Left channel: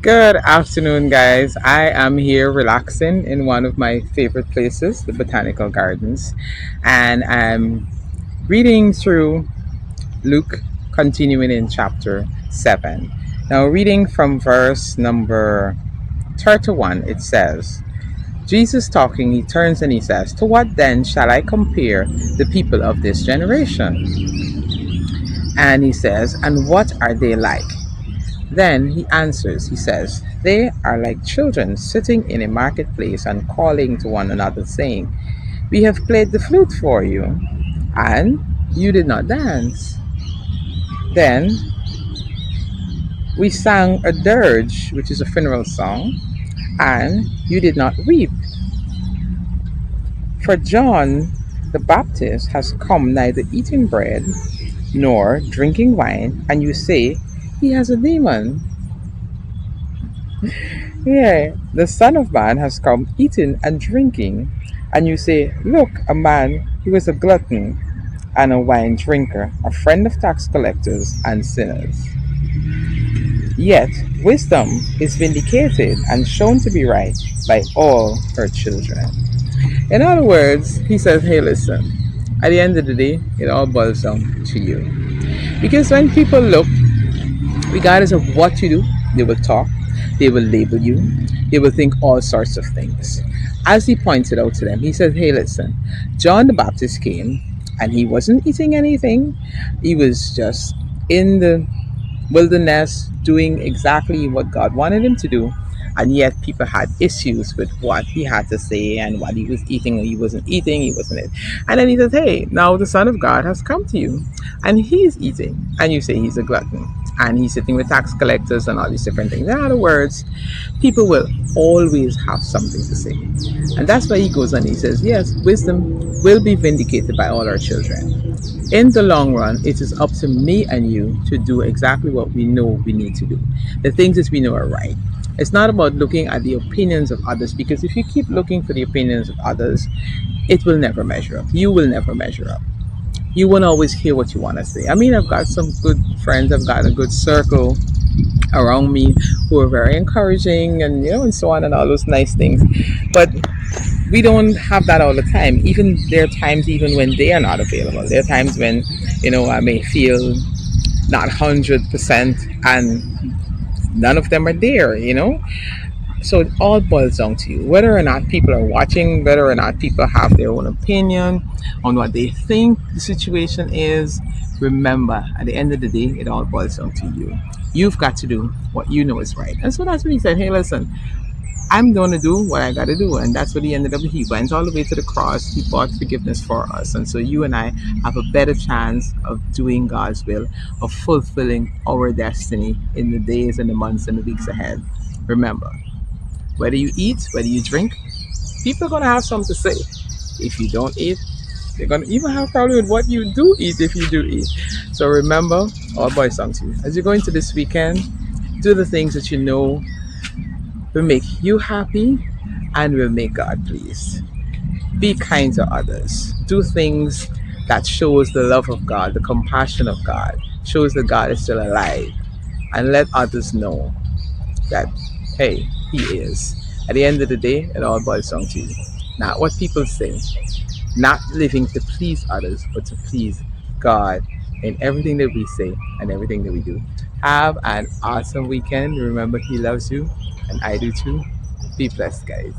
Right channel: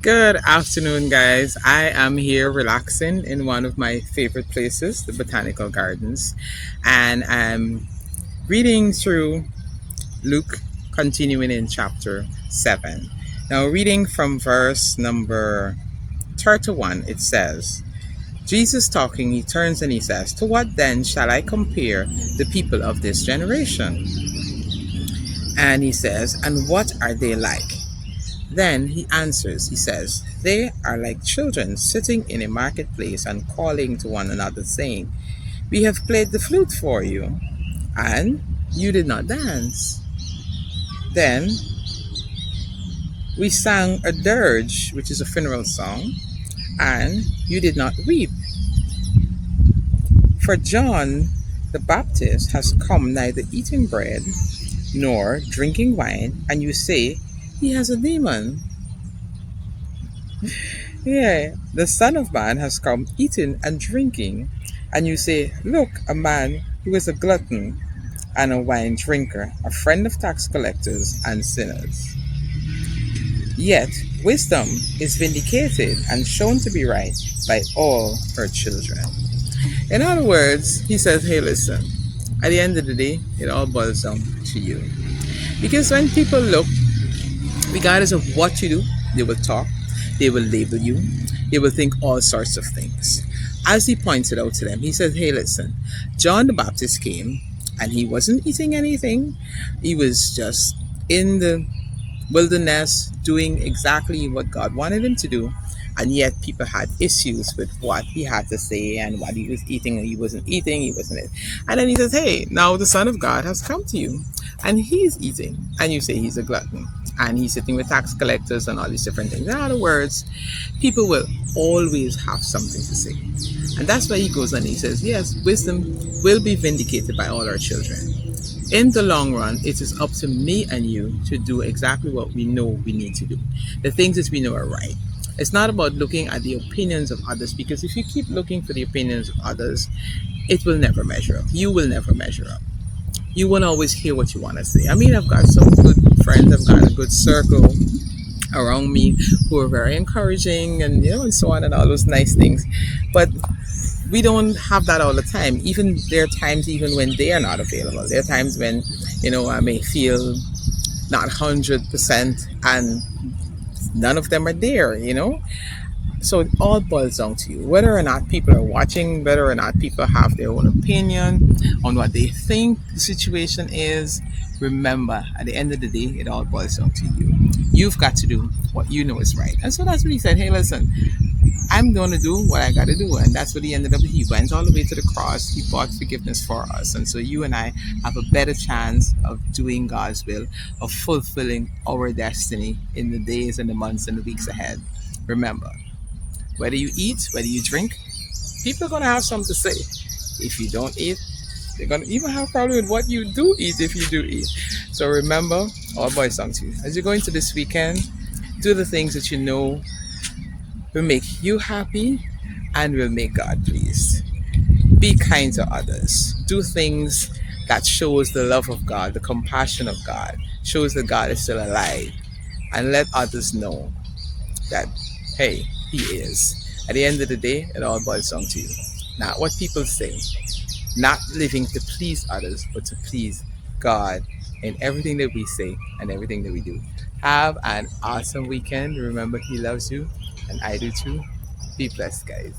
Good afternoon, guys. I am here relaxing in one of my favorite places, the Botanical Gardens, and I'm reading through Luke, continuing in chapter 7. Now, reading from verse number 31, it says, Jesus talking, he turns and he says, "To what then shall I compare the people of this generation?" And he says, "And what are they like?" Then he answers, he says, "They are like children sitting in a marketplace and calling to one another, saying, 'We have played the flute for you, and you did not dance. Then we sang a dirge, which is a funeral song, and you did not weep. For John the Baptist has come neither eating bread nor drinking wine, and you say, he has a demon. Yeah, the Son of Man has come eating and drinking, and you say, look, a man who is a glutton and a wine drinker, a friend of tax collectors and sinners. Yet wisdom is vindicated and shown to be right by all her children." In other words, he says, hey, listen, at the end of the day, it all boils down to you. Because when people look, regardless of what you do, they will talk, they will label you, they will think all sorts of things. As he pointed out to them, he said, hey, listen, John the Baptist came and he wasn't eating anything, he was just in the wilderness doing exactly what God wanted him to do. And yet people had issues with what he had to say and what he was eating. He wasn't eating, he wasn't it. And then he says, hey, now the Son of God has come to you and he's eating. And you say he's a glutton. And he's sitting with tax collectors and all these different things. In other words, people will always have something to say. And that's why he goes and he says, yes, wisdom will be vindicated by all our children. In the long run, it is up to me and you to do exactly what we know we need to do, the things that we know are right. It's not about looking at the opinions of others, because if you keep looking for the opinions of others, it will never measure up. You will never measure up. You won't always hear what you want to say. I mean, I've got some good friends, I've got a good circle around me who are very encouraging and and so on and all those nice things. But we don't have that all the time. Even there are times even when they are not available. There are times when, I may feel not 100% and none of them are there. So it all boils down to you. Whether or not people are watching, whether or not people have their own opinion on what they think the situation is, remember, at the end of the day, it all boils down to you. You've got to do what you know is right. And so that's when he said, hey, listen, I'm going to do what I got to do. And that's what he ended up. He went all the way to the cross. He bought forgiveness for us. And so you and I have a better chance of doing God's will, of fulfilling our destiny in the days and the months and the weeks ahead. Remember, whether you eat, whether you drink, people are going to have something to say. If you don't eat, they're going to even have a problem with what you do eat if you do eat. So remember, all boys down to you. As you go into this weekend, do the things that you know will make you happy and will make God pleased. Be kind to others. Do things that shows the love of God, the compassion of God, shows that God is still alive, and let others know that, hey, he is. At the end of the day, it all boils down to you. Not what people say, not living to please others, but to please God in everything that we say and everything that we do. Have an awesome weekend. Remember, he loves you, and I do too. Be blessed, guys.